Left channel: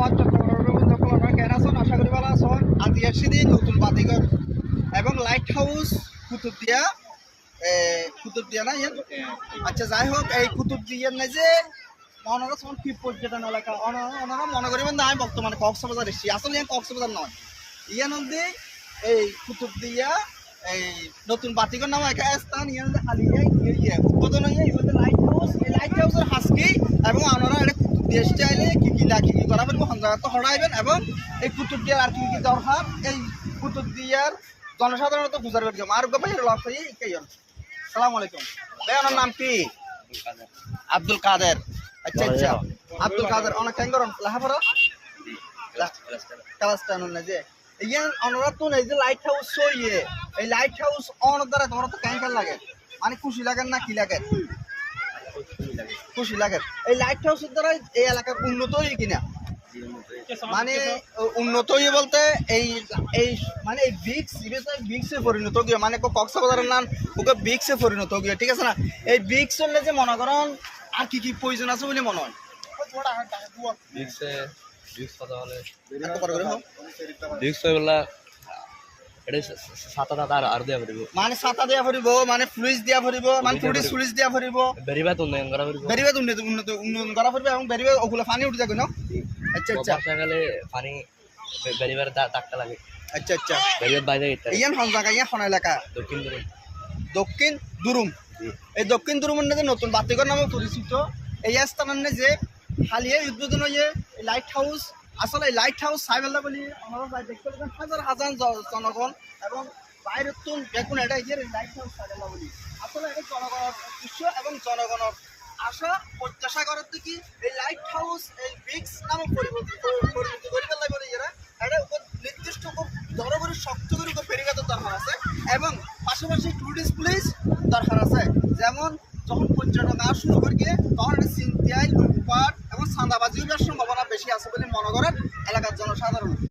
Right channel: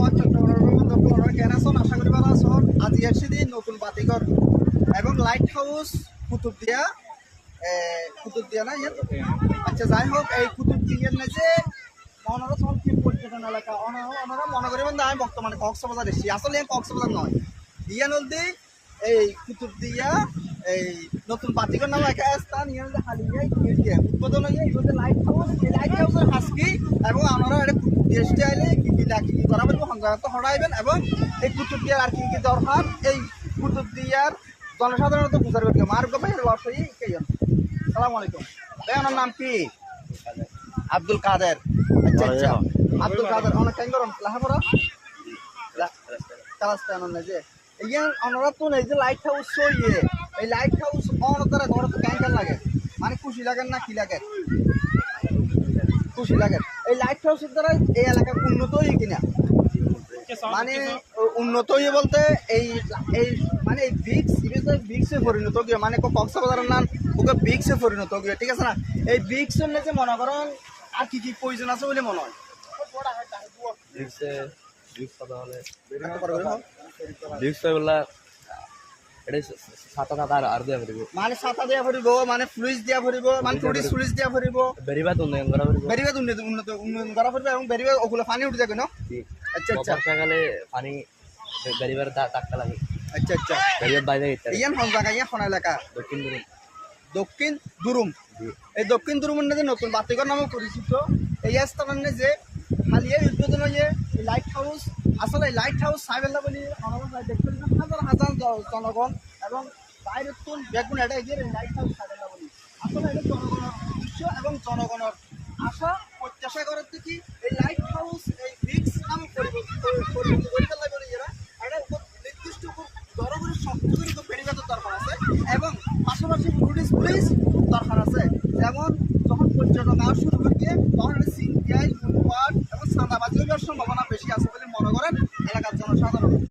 ধন্যবাদ চট্টগ্রামের কেন আছেন আশা করি ভালো আছেন। আজ আসছি দিন নতুন বাতিঘর এবং লাইট হাউস কুতুবদিয়া না ইয়ে আচ্ছা যাই হোক এই কুতুবদিয়ার না যে ওনারা সব কি পর্যটন এলাকা ওনারা মনে করিবেন না আমি বর্তমানে কক্সবাজার এসেছি, আসলে কক্সবাজার নয় ইয়া নদী এই কুতুবদিয়া এই নতুন বাতিঘর নামে একটা স্থান ইয়ে হালিয়া উদ্বোধন হয়ে এই বলতে লাইট হাউস, এই লাইট হাউসের হাসকি এবং আপনারা এটা কুতুবদিয়া স্টাইলে কি কি করা পারবো সন্ধ্যা হরাইবেন এবং এই কুতুবদিয়ার আর কি দরকার এই কুতুবদিয়ার জনসাধারণত বুঝার করতে মার ভাই লড়াই কেজন। সালাম আলাইকুম ভাই, ওনার নাম কি? আব্দুল কাদের। আচ্ছা আচ্ছা আব্দুল কাদের অনেক কেন করেন লেখাপড়া ক্লাস 10 যে ইয়ে ওনারা তো এই যে লাইট হাউস ইয়ে এই লাইট হাউস অন দ্বারা ঘর তো কেন লাগে মানে খুশি লাগেন না কি লাগে? খুশি লাগে। এই লাইট হাউসের দ্বারা এই এলাকার উন্নত হই কিনা মানে উন্নত হয়ে বলতে এই এই মানে এই বিক্সে পরিণত গিয়ে মানে কক্সবাজারের নাম ওকে বিক্সে পরিণত গিয়ে, ঠিক আছে না? এই বিক্স হলে যে মনে করেন আর কি কি প্রয়োজন আছে বলে মনে হয় মানে ছাতা দিয়া ফুরিব মানে ফ্লুইস দিয়া ফুরিব মানে ফ্লুইস দিয়া ফুরিব বেরিবাদ উন্নয়ন করা ফুরিব এবং বেরিবাদ ওগুলো পানি উঠে যাবে না। আচ্ছা আচ্ছা বর্ষাকালে পানি বেরিবার ডাক্তার লাগে। আচ্ছা আচ্ছা বেরিবার বাইরে ইয়ান কোন জায়গা ইয়া কোন এলাকা? দক্ষিণ দুরুম। এই দক্ষিণ দুরুমের যে নতুন বাতিঘর নামে পরিচিত এই স্থানের যে হালিয়া উদ্বোধন হয়ে এই লাইট হাউস, আসলে এই লাইট হাউস সাইবেল্লা বলি আমরা দেখতে পাচ্ছেন হাজার হাজার জনগণ এবং বাইরের তুন বেগুন এটা এই লাইট হাউস সাইবেল্লা বলি আসলে এটা জনগণের উদ্দেশ্য এবং জনগণের আশা প্রত্যাশা করার থেকে এই লাইট হাউস এই বিক্স নামে পরিবর্তিত করে ফেলা বলে এরা এটা উপর নির্দিষ্ট খুব জনগণের শক্ত করে পেরিগাতের দরকার আছে এবং পাশাপাশি টুরিস্ট প্লেস দরকার আছে। যেমন যখন পর্যটক আসা শুরু করি তখন এটা চিন্তায় লুটপাট এবং চাঁদাবাজি হওয়ার সম্ভাবনা বেশি আছে বলে মনে করেন এলাকার জনসাধারণ।